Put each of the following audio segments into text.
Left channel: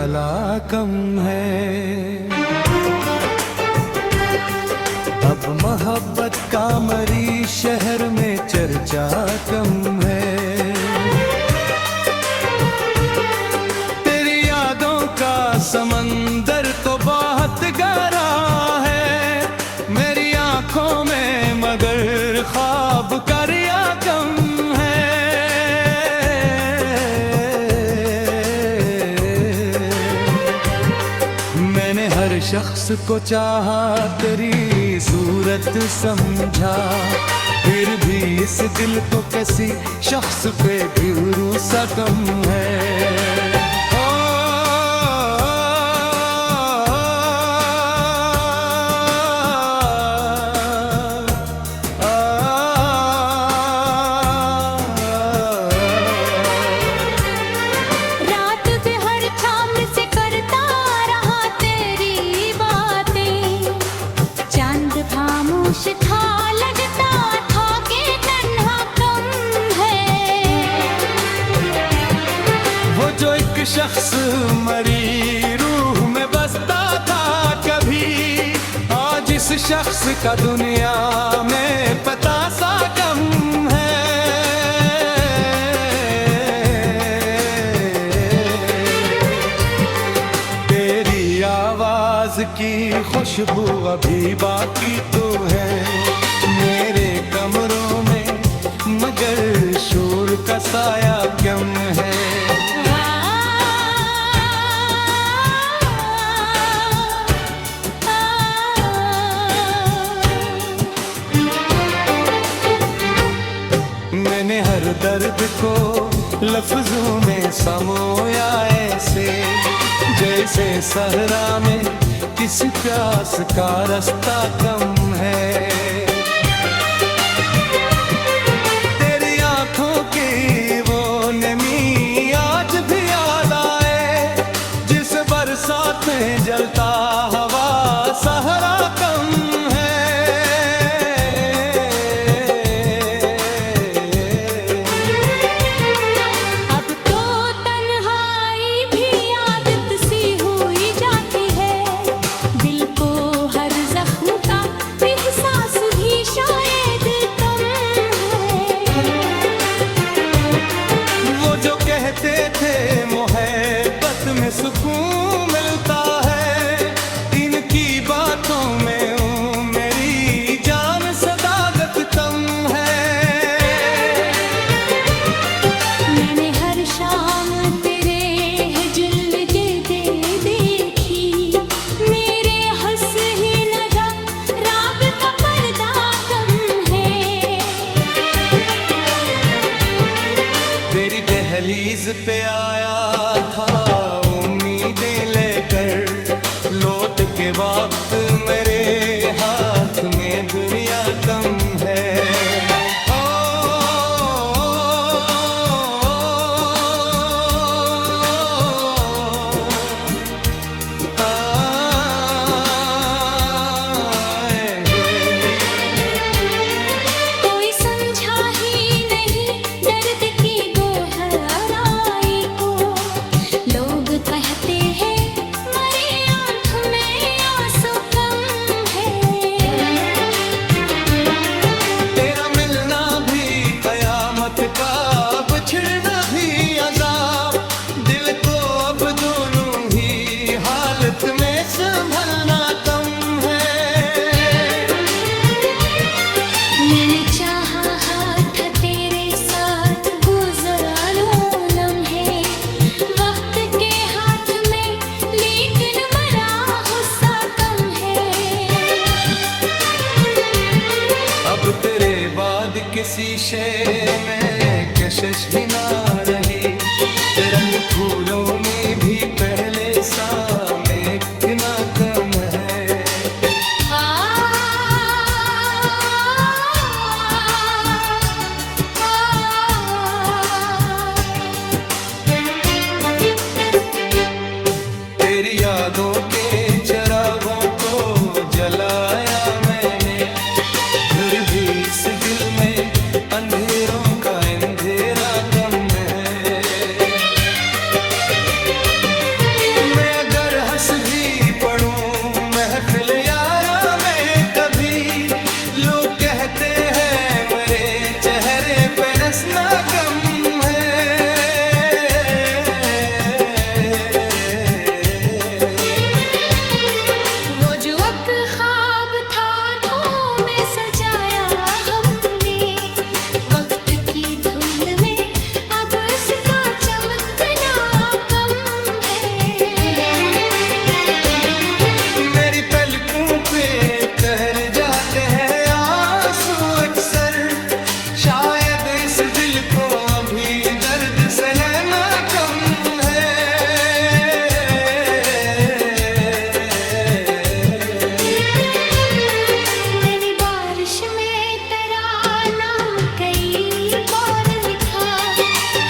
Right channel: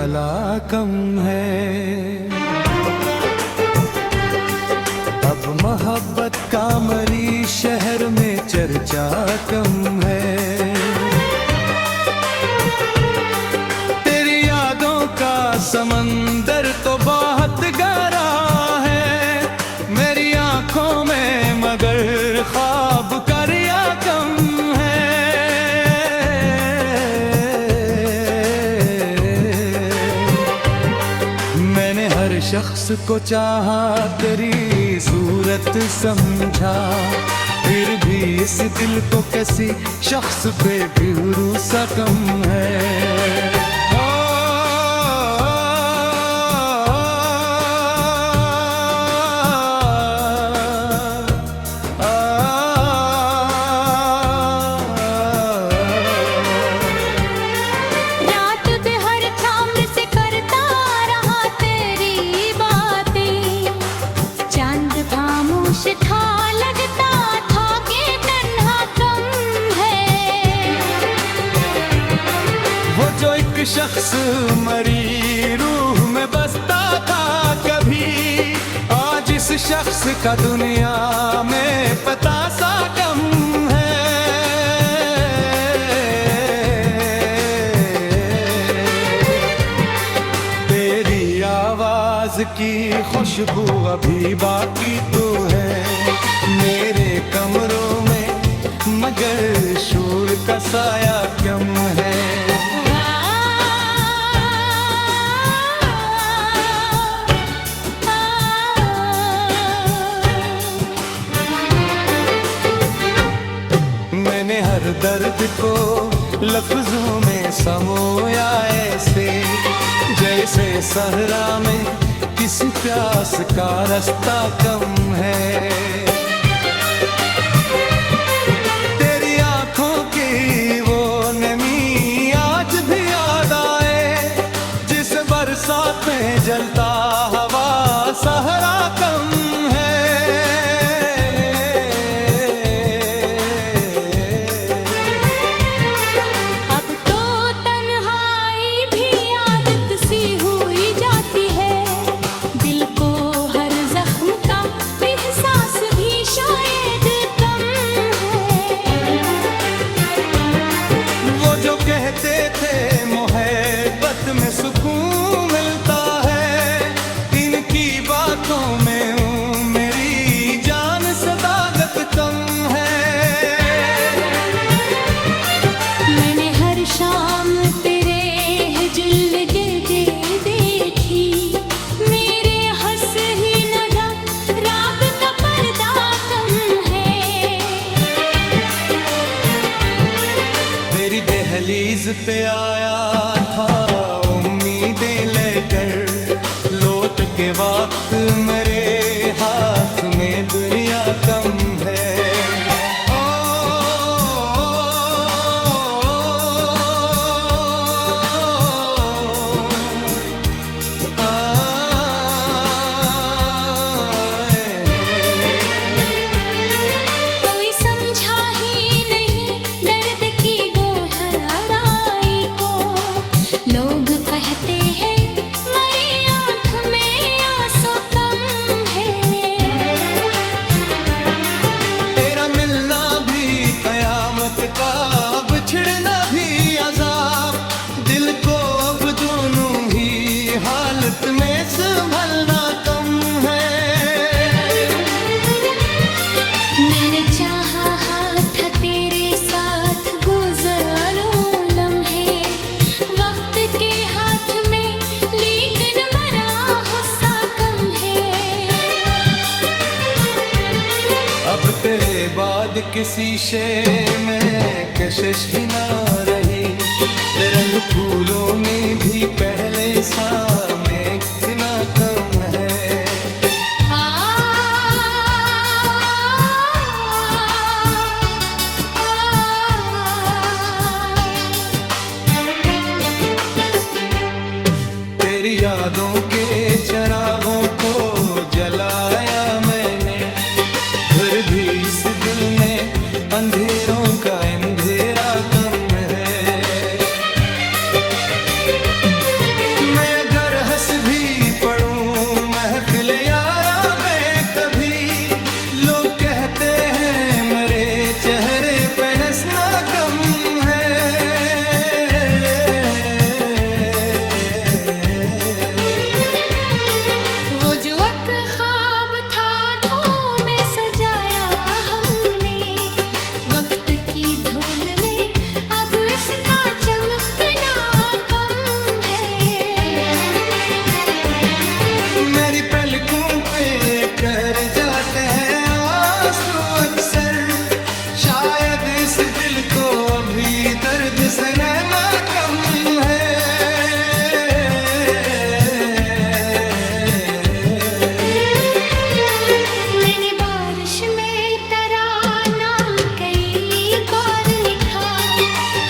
उजाला कम है। अब मोहब्बत का मरीज शहर में चर्चा कम है। तेरी यादों का समंदर तो बहुत गहरा है मेरी आंखों में, मगर ख्वाब का रिया कम है। मैंने हर शख्स को चाहा, तेरी सूरत समझा, फिर भी इस दिल को किसी शख्स पे भरोसा कम है। खामोश था, लगता था कि तन्हा कम है। वो जो एक शख्स मरी रूह में बसता था कभी, आज इस शख्स का दुनिया में पता सा कम है। तेरी आवाज की खुशबू अभी बाकी तो है मेरे कमरों में, मगर शोर का साया कम है। मैंने हर दर्द को लफ्जों में समोया ऐसे, जैसे सहरा में किसी प्यास का रास्ता कम है। तेरी आंखों की वो नमी आज भी याद आए, जिस बरसात में जलता हवा सहरा कम है। शायद कम है। वो जो कहते थे मोहब्बत में सुकून मिलता है, इनकी बातों में हूँ मेरी जान सदाकत कम है। मैंने हर शाम तेरे हिजल दे देखी, मेरे हंस ही नगा राब का पर्दा कम है। तेरी दहलीज पे आया था उम्मीदें लेकर, लौट के वक्त मेरे हाथ में दुनिया कम है। कहते हैं मेरी आँख में आंसू कम है। तेरा मिलना भी कयामत का, बिछड़ना भी अजाब, दिल को अब दोनों ही हालत में संभलना कम है। मैंने चाहा हाथ तेरे साथ गुजारो लम्हे वक्त के हाथ में, लेकिन मरा गुस्सा कम है। अब तेरे बाद किसी शे में कशिश ही ना रही, रंग फूलों में भी पहले सा महकना कम है। तेरी यादों के चिरागों को जलाया मैंने, फिर भी इस दिल में अंधेरों का अंधेरा कम है। हंसना कम है। वो जो वक्त ख्वाब था आँखों में सजाया हमने, वक्त की धूल में अब इसका चमकना कम है। मेरी पलकों पे कर जाते हैं आंसू अक्सर, शायद इस दिल को अभी दर्द सहना कम है। मैंने बारिश में तराना कई बार लिखा,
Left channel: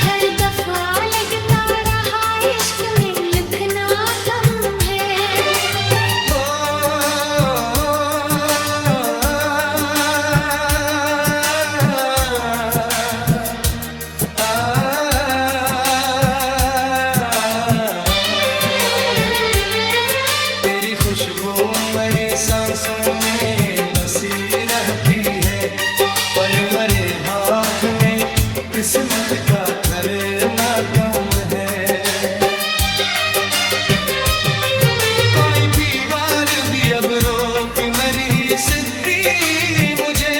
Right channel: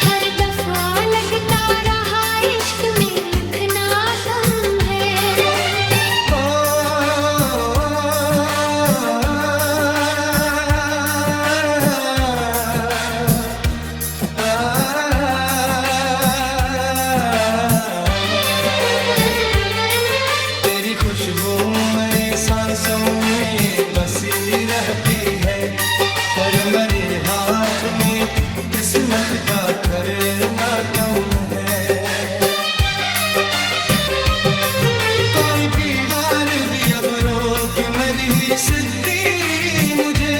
हर दफा लगता रहा इश्क में लिखना कम है। ओ, तेरी खुशबू मेरी सांसों में बसी रहती है, पर मेरे हाथ में किस्मत का धरना कम है। कोई दीवार भी अब रोक मेरी सिद्धि मुझे,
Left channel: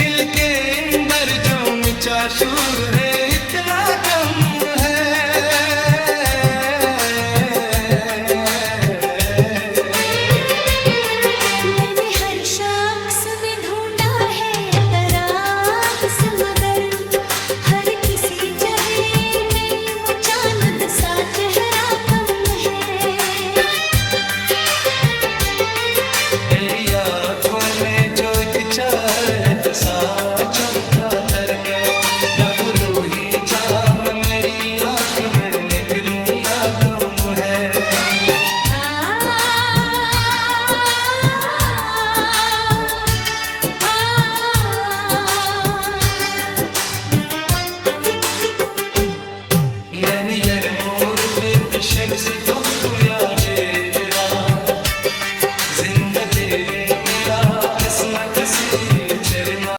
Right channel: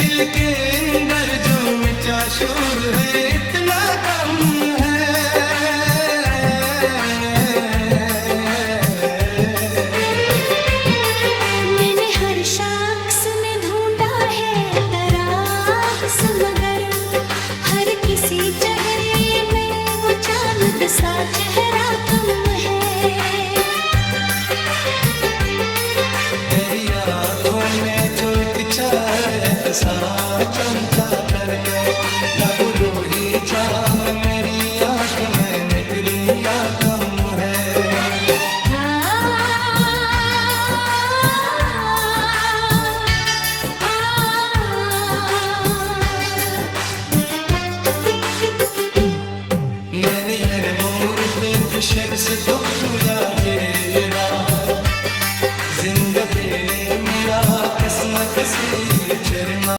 दिल के अंदर जो मिचा शूर है इतना कम है। मैंने हर शख्स में ढूंढा है तराक्स, मगर हर किसी चेहरे में वो चांद सा चेहरा कम है। तेरी आँखों में जो एक चाहत सा चमका तरका, लागू रूही जान मेरी आँख में निकलूं या कम है। आ, आ, Yani yermur bir şems tohtu ya gelena, जिंदा देने या किस्मत से चरना।